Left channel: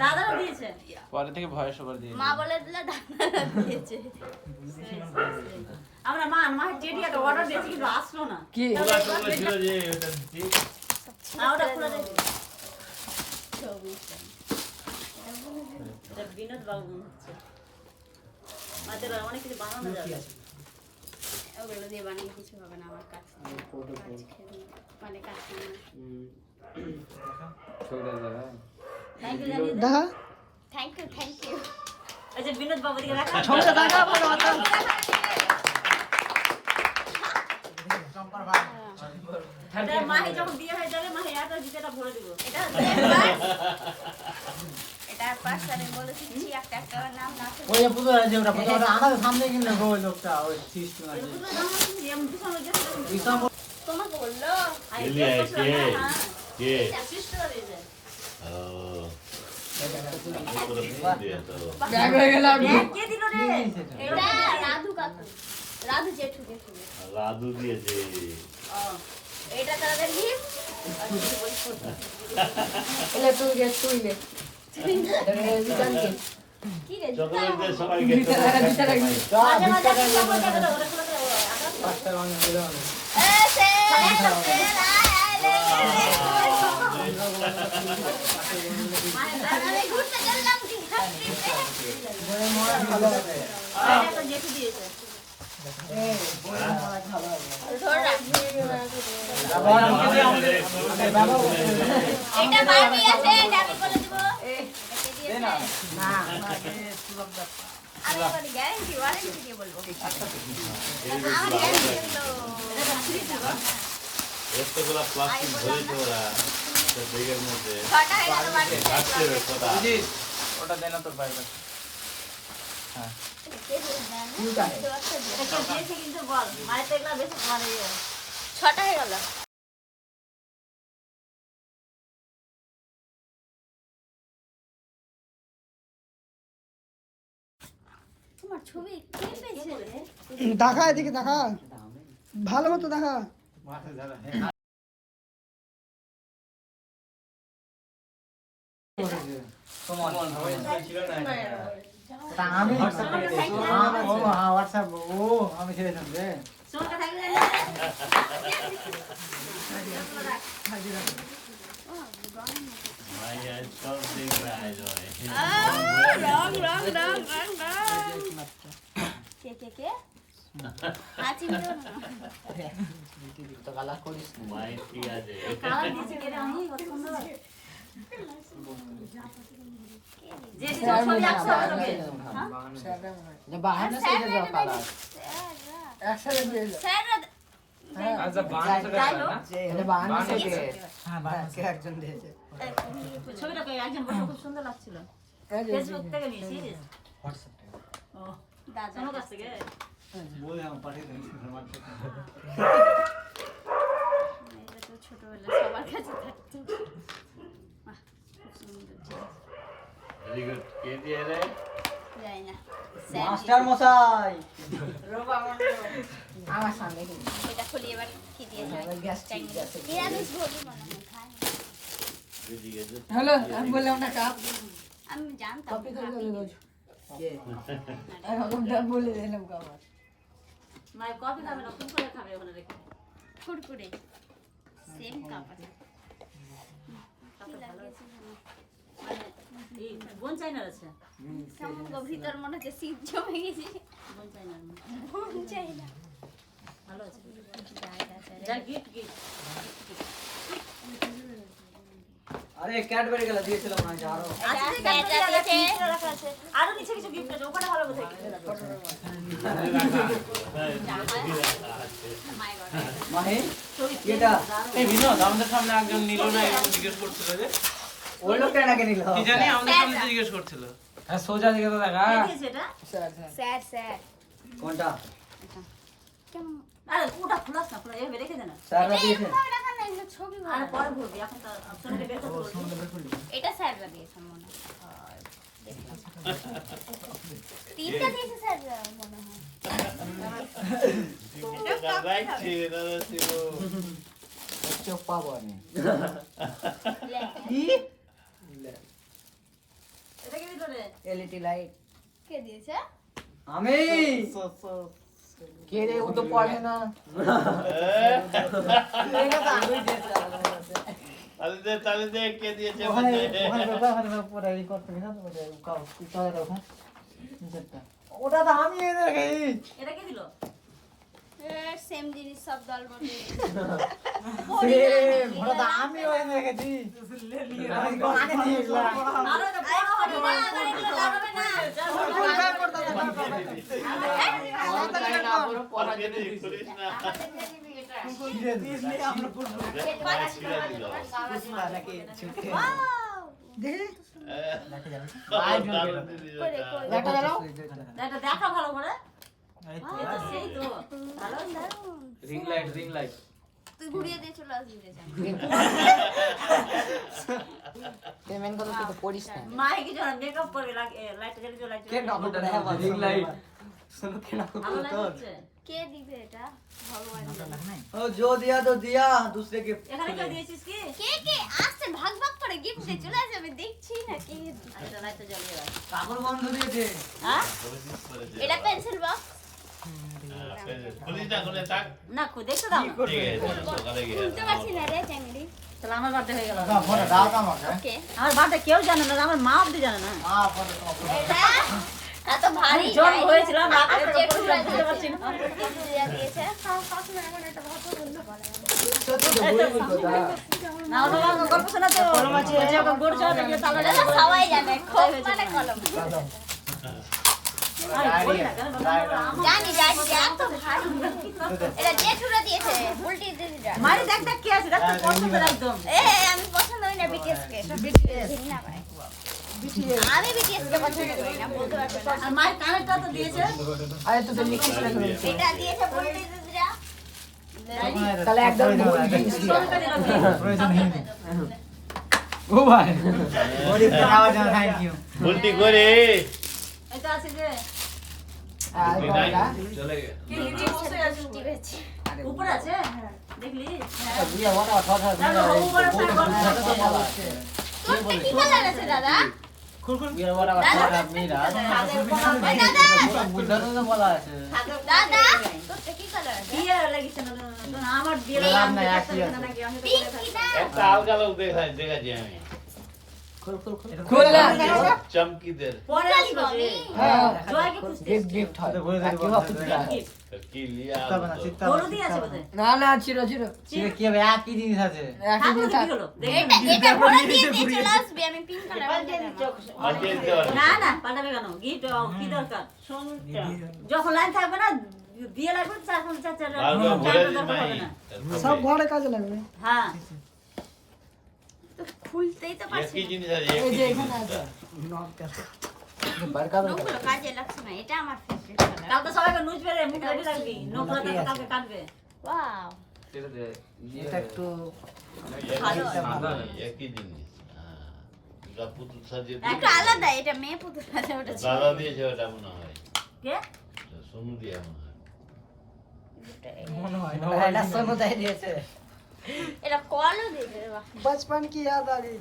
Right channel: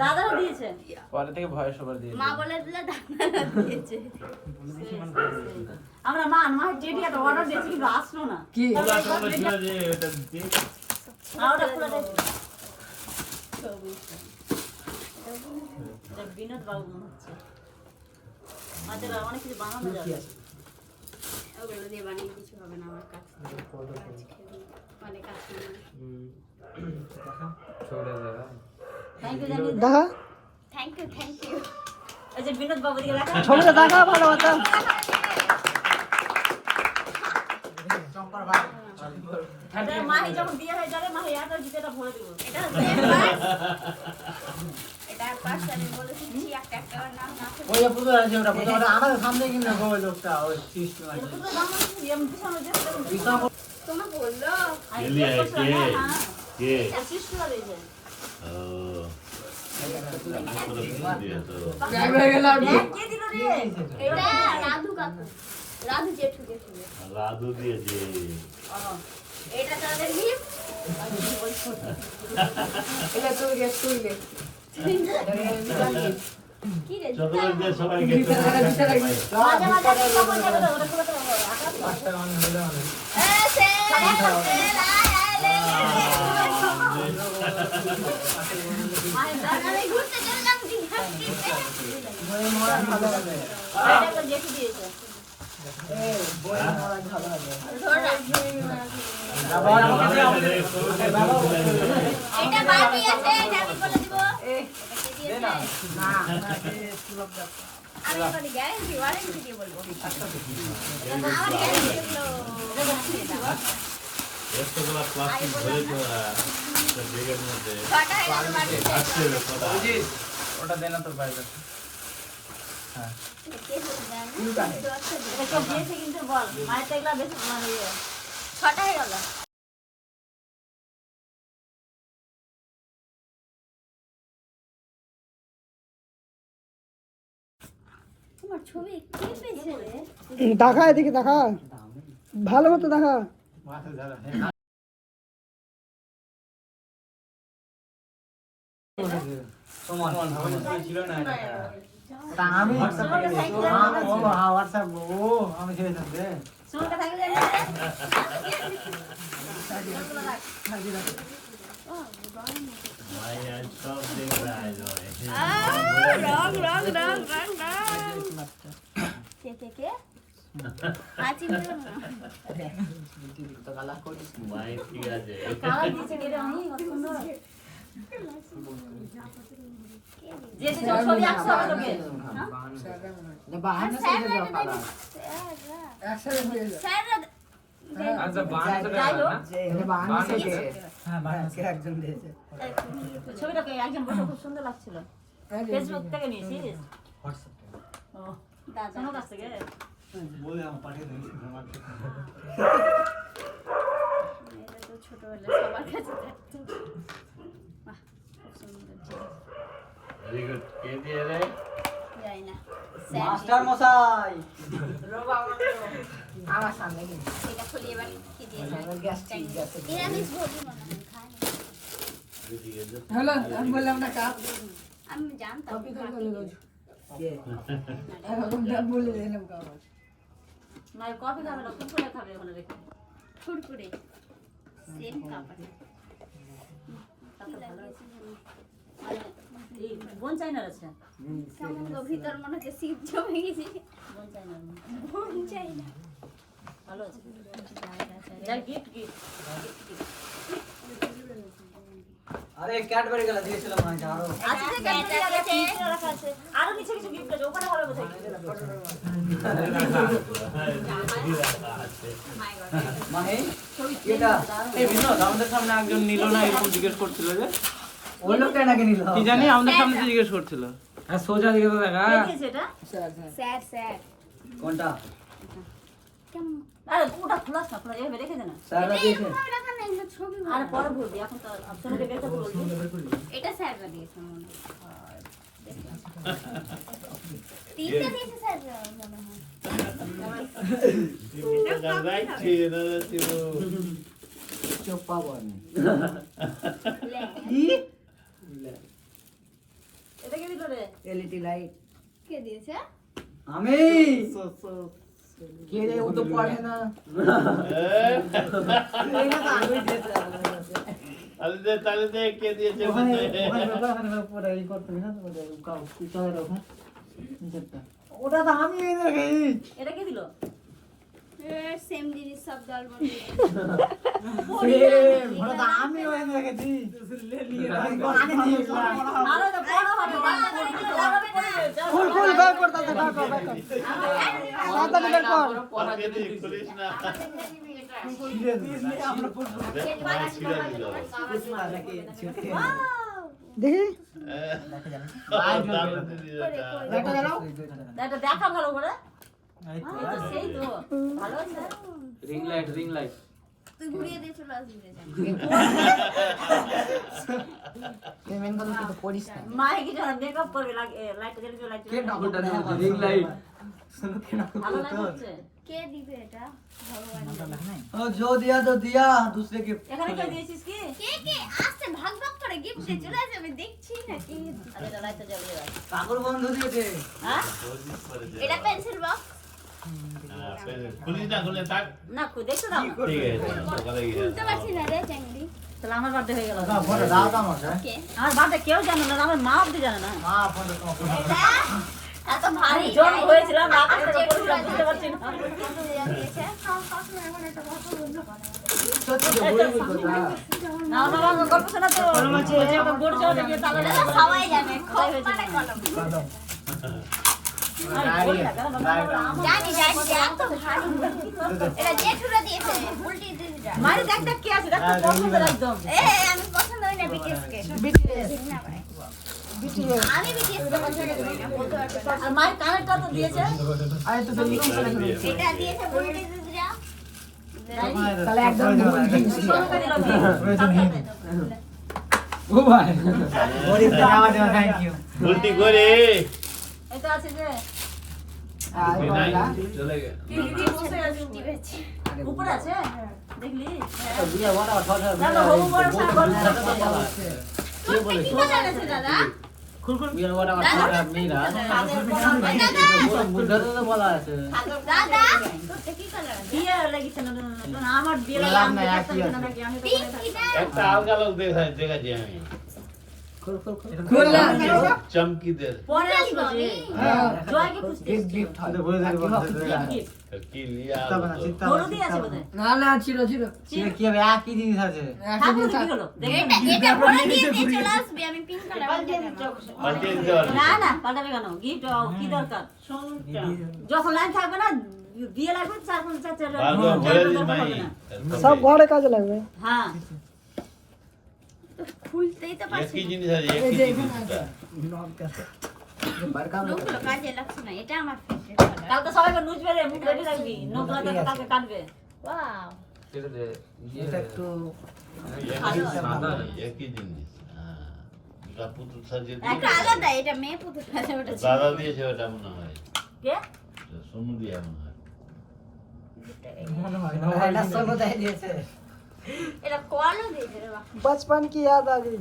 দাদারা দিয়েছে পরে থেকে ভয়েস ওভার দিয়ে মা বলে দিলে দাদারা দিয়েছে। আমরা মা টেডি একটা অর্ডার দিয়েছি কিন্তু আসলো না কি বিনোদ বাবু মনে হচ্ছে মাঝে অনেক কিছু বানানো যাবে ওগুলো দিয়ে বানিয়ে কিছু হবে না আমার কাজ মানে কাজ দেখা থ্যাংক ইউ এই যে বিনোদ বাবু দিকে দেখা ছবিটা দেখা ভালো কথা মাহি যখন বিয়ে হয়ে যাবে মাহি এত জিতেটা ভরে দিব এটা পার্সোনালি বলেছি একটা নাম না ওই পুরো আছে ওটা পুরো আমাদের সামনে কিন্তু ওই লোকটা ওই সিস্টেম আছে তোমা বললো কে সিস্টার দিয়েছে কে দিল রে এটা রাধু কাকু রাধু জেঠু রাধু দিয়েছে এটা তাদের গিফট এলে তুই গেছ তুইলে কি রে চকলেট দিয়ে সবাইকে মাঝে মাঝে চিন্তা করে যাবে ওরা করে আমি ঘুরতে চললাম এটা জেঠু দিয়েছে এটা বারবি আছে এটা আমি বলে দিব আমি এবার গ্যারান্টি ওয়ারেন্টি দিয়ে বলবো আমার গ্যারান্টি হলো এতগুলা প্লাস্টিক ধরে তোরা ব্যাগের মধ্যে ছটা হয়ে গেল বাড়ি আসছে কথা ওটা দেনা তো বাইরে এটা কে দিয়েছে কিন্তু বল মায়ের তো এগুলা বেশি মানে ছটা হয়ে গেল তোমার ছবি কে পেয়েছে রে দেখা এদিকে দেখা ভালো মতো দেখা আমি হোয়াটসঅ্যাপ ও আমি ছেড়ে দেব রে সোনটা থাকলে ভাই আজ সব দিন যায় রং কে আছি মিও না ভাই ঠিক আছে কালার দিয়েছে কে রে আমি কত সুন্দর যে যে ছবি আঁকছো হবে তোকে যে বাহানা স্যার থেকে এটা দাও একসাথে হয়ে যায় স্যার আচ্ছা যাই হোক যে বাহানা থেকে হ্যাঁ কে একজন দিয়েছে ছবিটাকে একজন বসে খুব সুন্দর লাগছিল ফেসবুক থেকে নিয়েছিস হোয়াটসঅ্যাপ ও দাদা সোনার কাছ থেকে ওই আমার পাঠিয়ে দিয়েছে আমার এটা তো ছোটবেলা সবার কাছে থাকতো বাহ খুব সুন্দর জিনিস ভেরি গুড কে দিয়ে রে জানি না মাস্টার মশাই আমার সামনে এটা খুলি এবার কি দিয়েছে গ্যাস ঠিক আছে নিরামিষ ভোগী মনে হয় খায় না। এদিকে যে হ্যালো আমি বললাম না কাপ আমি জানতাম কপি করে ভাবি দিল এরকম দাম বলে দিলাম কাপ না কফি খাবে না কুকুরে খাবে ওখানে রেখে ফুরফুরে সেম কাপড় কাপড় ভালো লাগিয়েছে যেন এই বোন চাইনার আছে কেমন গো ভিতর মনে হচ্ছে শীত জমে গেছে বোন চাইনার মন চাই না ভালো আছে যা গিফট গিফট আরে ক্যাডবেরি গুলো দিয়েছিলাম না আরো আরো কিছু কিছু গিফট আছে ওখানে হবে বোধহয় মানে এটা এই বিনোদ আমাদের সামনে একজন নিল না এরকম জিজ্ঞেস করছিল যে ওই লোকটা নাকি নিল কি জানি আমাদের সামনে তো জিজ্ঞেস করছিল আর সোজা দিকে তো দেখা কে দিয়েছে এটা স্যার স্যার কোনটা কেমন আরে ওটা খোলাস না খোলা এভাবে রেখে দে না স্যাররা দিয়েছে রাখা না এটা ছবি আরে পরে ভরবি এখন তো অপশনটা বের করতে বলছি এটা স্যাররা দিয়েছে মনে হয় তিনটা দিয়েছে স্যার মনে হয় রাইট ছিল চোখ পাবো আমি এটা কি দিল রে? এলইডি লাইট কে দিয়েছে? আমি কে রে ও তো পড়ে না তাহলে দে কে দিয়েছে ওখানে পড়াই করতে না তো কাউ কোথায় রাখো ওটা তো আমি এনে রেখেছি এটা কি দিল? সেম জিনিস সব দল বলে ওটা তো আমি এনে রেখেছি আরে এটা বড় হবে, বাচ্চাদের এগুলো যাবে না। ফুল ফুল বের কর দাদা, বের কর, বের কর। তাড়াতাড়ি বের কর। করিস না দেখি এটা দেখা ভালো করে। এটা সেই তো ভালো না? রিং লাইট তুই ঘুরিয়ে দিয়ে চলে আসবি রে জানি। পেমেন্ট করলে তো করিস না মায়ে কি জানা মেকআপ করবে, লাইট জ্বালিয়ে দিও, লাইট জ্বালিয়ে দিও। রিং লাইট শুনো কেন ভালো লাগছে। কে দিবে এটা? ভগবান ও जो दिया तो दिया दूसरे के এখানে কেউ দিয়েছিস কি? কে আসছে ভাগ ভাগ করে গিফট দিয়ে চলে যাবে, দেখছি না কে দিবে। আরে এটা লাইটটা জ্বালিয়ে রাখ। কাকুর বন্ধু দিয়েছে হ্যাঁ? এটা পেন্সিল বক্স। খুলিস না খুলে থাক না দেখতে দাও। ঠিক আছে সকালে গিয়ে খুলতে পারছি না রে চ্যাংড়ি। তাহলে আমার বার্থডে হয়ে গেল। না ফোন দাও তো আমাকে কে? আমার বার্থডে কেউ জানে না, আমার মা অব্দি জানে না। হ্যাঁ ফোন দাও এটা এত ভারী জন্ম হয়েছিলাম রাত থেকে পড়েছিলাম, বুঝতে পারছি না। দিয়েছে। না বাবা আমার গল্প শোনা তো। বলছে ওকে গোড় চলে গিয়ে তাহলে এটা তো সবাই জানে, খুব মানে কলম। জানি এত ভারী। এটা জেঠুরা দিয়েছে, উল্টি দিদিরা। মারি দেখ দেখ কি আছে, দেখ তো পছন্দের একদম। আমি পছন্দ করি না বিটিএস কে। না ভাই। আমি বিটিএস কে পছন্দ করি না, বলতে পারবো না। আর মায়ের কানেরটা তো দিয়েছে। আরে তো তুমি কি করে এটা দিয়েছে উল্টি দিদিরা। তাহলে একদম ভুল জিনিস দিয়া সোনুকে দিল কি? প্রয়োজন নেই ও ভাই গরিব কে নাও দাও থ্যাংক ইউ ভর্তি করে এটা আছে যে চলে গেল কি কি বসে আছে দিয়েছে। উপরে আছে দেখলি? দিয়া বড় কথা দেখো হবু বড় সার গল্প করছে। তোরটা কি কালার আছে দাদা? দিয়া বড় দাদা, কথা মিরা মুদ্রা তো বলা আছে দাদা তোরটা কি কালার আছে? বিয়ে লাগিছে না না, আমার বিয়ে লাগে আমি দেখতে পাচ্ছি না নাকি আমি তো পিঙ্ক বলে থাকি। কিটা? একটা হালকা লোক দেখাচ্ছি আমি খুল না চমকিদের পরে আসবো যে জয় কি খুঁজতে গিফট হয় বলে দেব কি লিয়া গরু দিয়ে আছে বোধহয়। না না ছিল কি হবে একই জিনিস আছে ঠাকুর কি হলো দেখবেন এটা ভরে দিয়ে চলে আসবে, আমি পিঙ্ক কালার পাল্টে বলতে দিচ্ছি না। পাল্টে দিতে পারবি না না পাল্টাবে কেন? গিফট কি দরকার? যখন লাইন থাকবে না বিয়ে লাগবে চার পাঁচ চার চার ভালো চার বলে দরকার হবে দিই না। সব ঘরে কাজে লাগবে। হ্যাঁ তো খুলতেই তো পারছি একই না। জিনিস আছে এই যে একই এখানে জিনিস আছে বারকা লোকগুলো কাজে লাগছে না, এটা আমার ফেভারিট কালার। কালকে সবাইকে নুজ বেড়ে মুখ রেডি রাখবি, নোক লাগে কালকে কাটবে। ওয়াও, এটা একটু একই জিনিস হ্যাঁ পুতুল সাজিয়ে একটা আলাদা, এটা মেয়ে পুতুল আছে, ওটা ছিল। দাদা দিয়েছে ওটা মনে হয় কে? সোনু দিয়া মনে হয় মনে হয় না এটা সব কোথায় দিয়েছে এটা কলও দিয়েছে রে বাহ। बचपन की याद आ गई।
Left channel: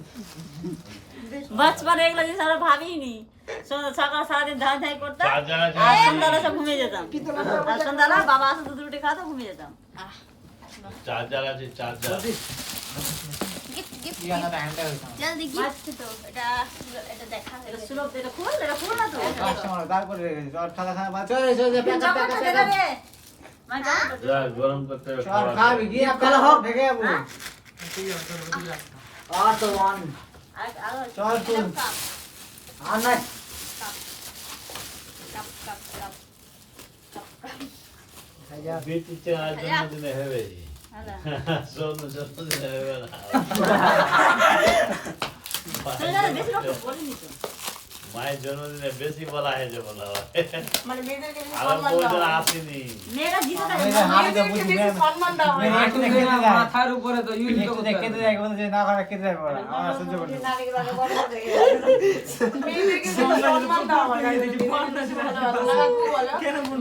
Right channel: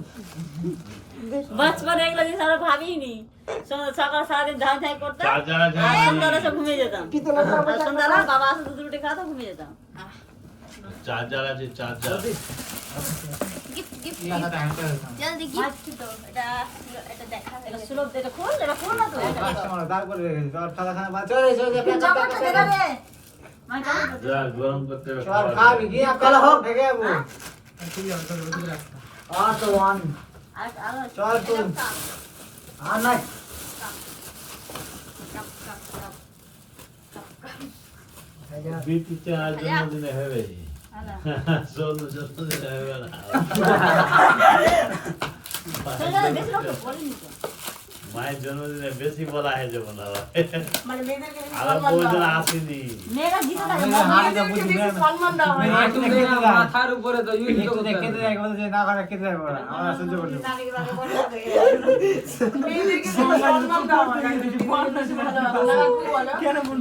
बचपन এগুলো জিনিস আমরা ভাবিনি। সকাল সারাদিন ধান ধাই করতাম চার্জার আছে আর সন্ধ্যাবেলা সব ঘুমিয়ে যেতাম। পিতলের আর সন্ধ্যাবেলা বাবা আসে দুধ রুটি খাওয়াতো, ঘুমিয়ে যেতাম। চার্জার আছে চার্জার গিফট গিফট ইয়াটা হ্যান্ডেল জলদি গিফট তো এটা দেখা হয়ে এটা গেছে। সুলভ, এটা খুল, এটা খুল না তো। বার করে রেখেছি আর সাদা সাদা বাদ চলে চলে চকলেটটা দে রে। মাই চকলেট দে। যা গরম করতে হবে, চল খাওয়া খাবি যাবে। কি কাল হোক ঢেকে যাবো আর তো ওয়ান আর চল তুই আর নাই কাপ কাপ কাপ কাপ কাপ। বিটিতে আজ জন্মদিনে হবে আলা সোনু জন্মদিনে হবে না সেটা বেশি লোক বলেনি তো। মায়ের জন্মদিনে বেশি বলা হয়ে যাবে না মানে মেয়েদেরকে বেশি আর সম্মান দেওয়া বউজন হয়। আসেনি মেয়েরা জিতে থাকে মেয়েদেরকে বেশি সম্মান দেওয়া হয়। একটু দেখে দেয় মাথার উপরে তো একটু দেখে দেয় বলছে না করে খেতে যাবো না আমরা সহ্য করি না। মেয়েদেরকে বেশি সম্মান দেওয়া হয়।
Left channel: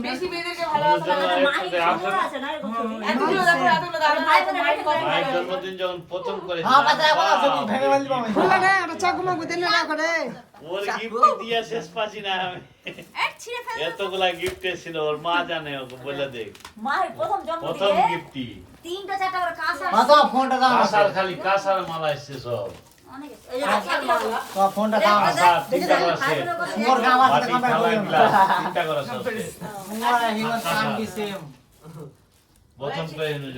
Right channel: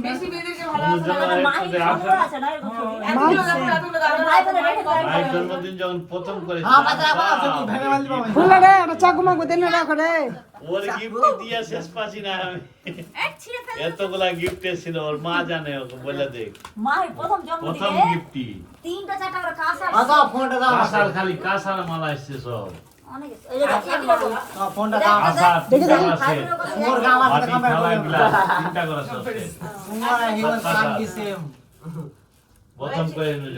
বেশি মেয়েদেরকে ভালোবাসা দেওয়া হয়। মাহির সুন্দর আছে না এরকম ছবি? এতগুলো দেখো, এতগুলো দেখো। ভাই বোনের রেখে দাও। মায়ের জন্মদিন যখন প্রথম করেছিল হ্যাঁ বাচ্চা বলা সব ভেঙে ফেলতে পারবে খুললে রে, একটা চাকু মাকু দেন না করে। ওর গিফট দিয়ে শেষ পাচ্ছি না আমি। ছিঁড়ে ফেল এতগুলা গিফট ছিল ওর মা জানে ওকে বলে দে মাহির প্রথম প্রথম জন্মদিনে গিফটই 3টা 4টা করে কাঁসা দাও ফোনটা দাও কাঁসার খালি কাঁসার মালা এসছে সব অনেক আছে। এই যে কাঁসার মালা। তো ফোনটা দাও কাঁসা তিনটা করে ভাই সেট, বোনের কথা সুন্দর গাম আছে বাটি কামড়ে থালা করে গ্লাস তিনটা করে সব সেট। সুন্দর হিউম্যান কাম কি সেম প্রথম করে নিল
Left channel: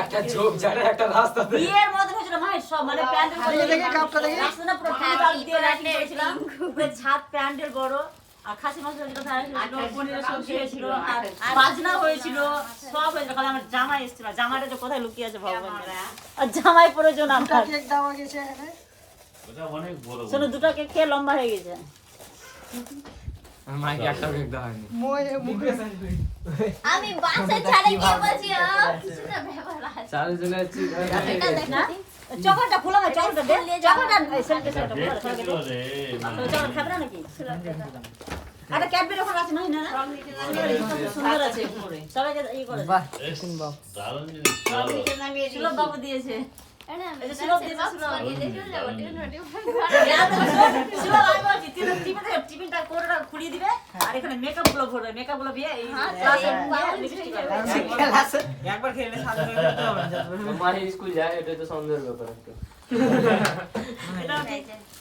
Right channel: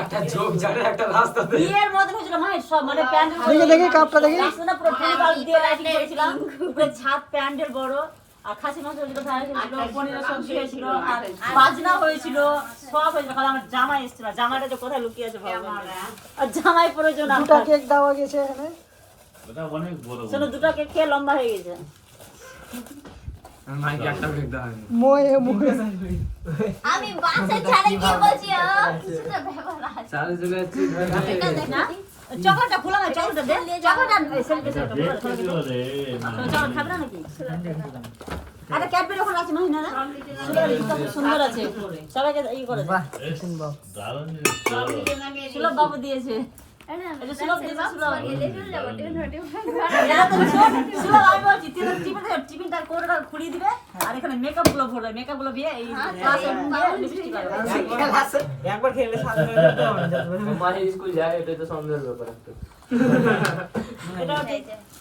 একটা জোক জানে একটা রাস্তা বিয়ের মধ্যে হয়েছিল মাহির সব মানে প্যান্ডেল দেখি কাপটা দেখি। রাস্তাটা পুরো টিউবওয়েল দিয়ে লাইটিং করেছিলাম। পুরো ছাদ প্যান্ডেল বড় আর খাসি মাংস হয়েছিল, ফ্রাই হয়েছিল, পনিরের সবজি হয়েছিল আর বাজনা হয়েছিল, সব হয়েছিল। খালি আমার জামাই এসেছিল, জামাইটা যে কোথায় লুকিয়ে আছে ভগবান জানে। আর জামাই প্রয়োজন দুটা কেক দেওয়া গেছে এখানে। ওটা অনেক বড় শোনো দুটো কেক খেয়ে লম্বা হয়ে গেছে। মাইকে একটা কেক দেওয়া হয়নি মোয়ে মোয়ে। আমি বাসে ছাড়ে কি বলছি কিছু না ব্যাপার আছে চালু চলে যাচ্ছি না চকলেটটা খোলা না, চকলেটটা দে, চকলেটটা এই সেলফি সেলফি খোলা দেখতে ছিল রে না তো চকলেট খাবে না নাকি? আরে ক্যাডবেরি ওখানে আছে মাহি না না? সুন্দর আছে সবাইকে ই করে দারুণ জিনিস ছিল। সুলভ বাবু দিয়েছে। না এই যে সুলভ দিয়েছে, সুলভ। চলে যাব টিন রটি সুলভ আমি বলছি টিফিনটা কোটোটা খুলিয়ে দিবে আর এখানে মেকআপ গুলো ভরবে, মেকআপ গুলো দিয়ে এই লিপস্টিক করবে। একবার খেলে সাথে খেতে হবে না মাহি স্কুল যায় এটা তো সন্দেহের ব্যাপার একটা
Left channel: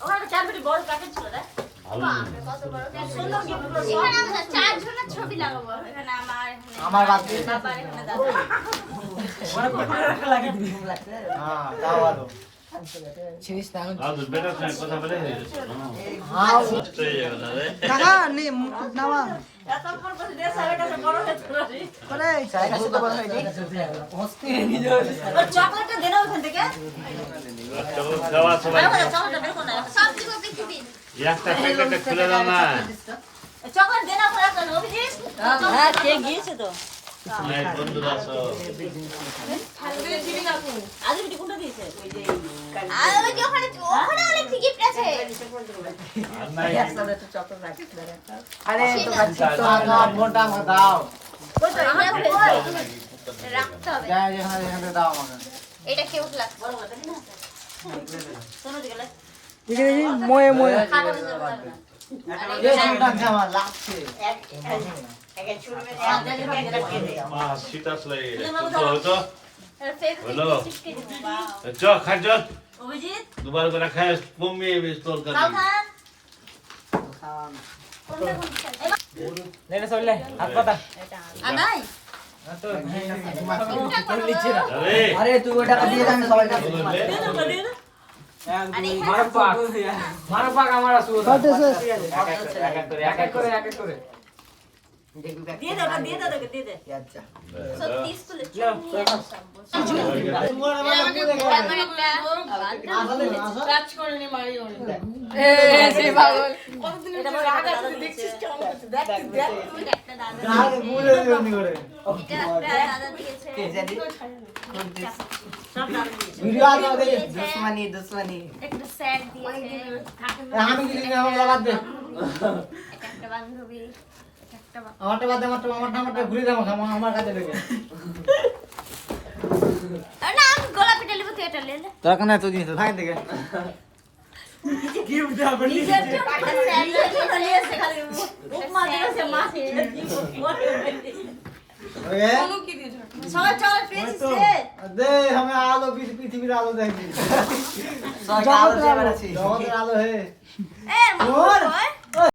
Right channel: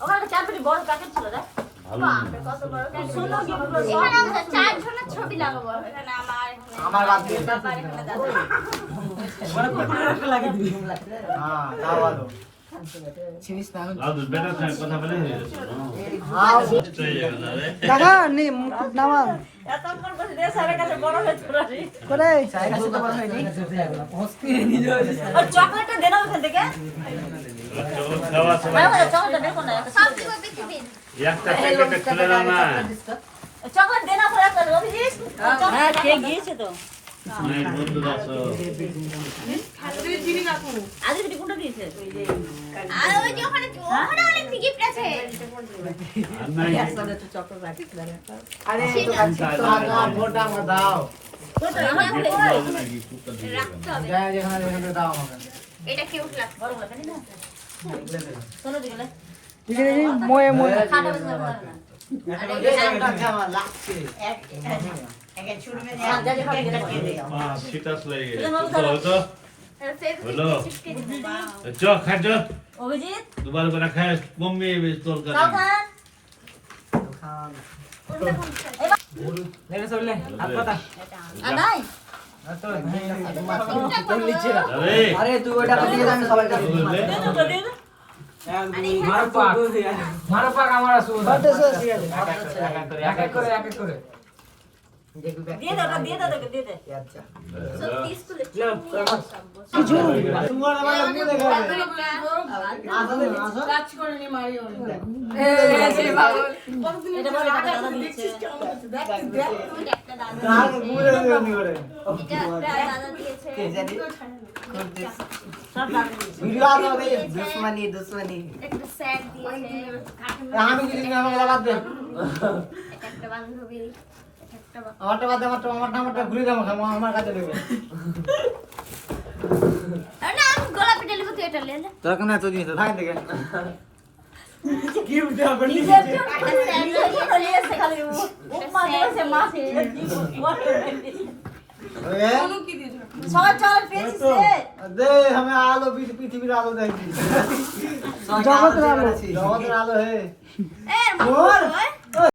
ওখানে ক্যাডবেরি বড় প্যাকেট ছিল রে। ভালো কত বড় সুন্দর গিফট গুলো সব এখানে আমরা চার জনের ছবি লাগাবো এখানে আমার বাদ দিয়ে বাবার এখানে দাদা হ্যাঁ দাও দাও আর বেটা তুমি কথা বলে কাকা নি নামা এতক্ষণ করে দিয়ে সবার কাছে বড় হয়ে চলে আসি। করে আর চকলেটটা দে না ওখান থেকে। দেওয়া সময় চকলেটটা দেখো না, সব কিছু দেখবি একটা প্যাকেট খুলে দাও না চকলেট দে না খোলা করে অভিজিৎ। হ্যাঁ কেক গিয়েছে তো। মায়ের বন্ধু আসো আজ বিটি কোনটা দিয়েছে? আর ওই যে ওখানে অনেক গিফট আছে আর নাই ফোনটা আমাকে দাও কই তো আমার ওখানে কই? রাখতে হবে যা যেখানে যেখানে দাও আমাকে এটা কে বললা বড় বড় পেনি না। শোনো দিকে দেখি দেখি মোয়ে মোয়ে। খাবার দিতে হবে না। আমার লাগছে শীতাস লাগে তো বলো চ খাজ অভিজিৎ দুবার করে খায় কমবে তোর কাছে সাবধান। লেগে চললে হাত পাতা নাই আরে তুই ওটা দিয়ে দে আমি সবাই কাছে দে দাও দে দাও। মারো পাক আমার আসুন বার্থডে শেষ। এক এক করে দিয়ে দাও দিয়ে দাও দিয়ে দে। আচ্ছা সত্যি স্কুলে এটা বড় টাকা দাদা দিয়েছে। একটা দাদা দিয়েছে সব দাদা দিয়েছে। ভিডিও আলো দে দুশ্মনী একটা স্যার দিয়েছে আমি কি আমি লাগা দে একটা বান্ধবী একটা আমারটা বাদ দে আমারটা ঘুরে দে আমার কাছে দেবে না আমি গোলাপি টেলিফোন তুই এটা লে তোর কোন এত দিন তো থাক দেখে গিফট দাও নিজের জন্য একটা স্যার দিয়েছে খালি উপমা দিয়েছে মা। ওয়ে সবাই চল পেয়েছে। দে আমি আলো পৃথিবীর আলো দেখি জগতের আলো। জগতের আলো হে এ মন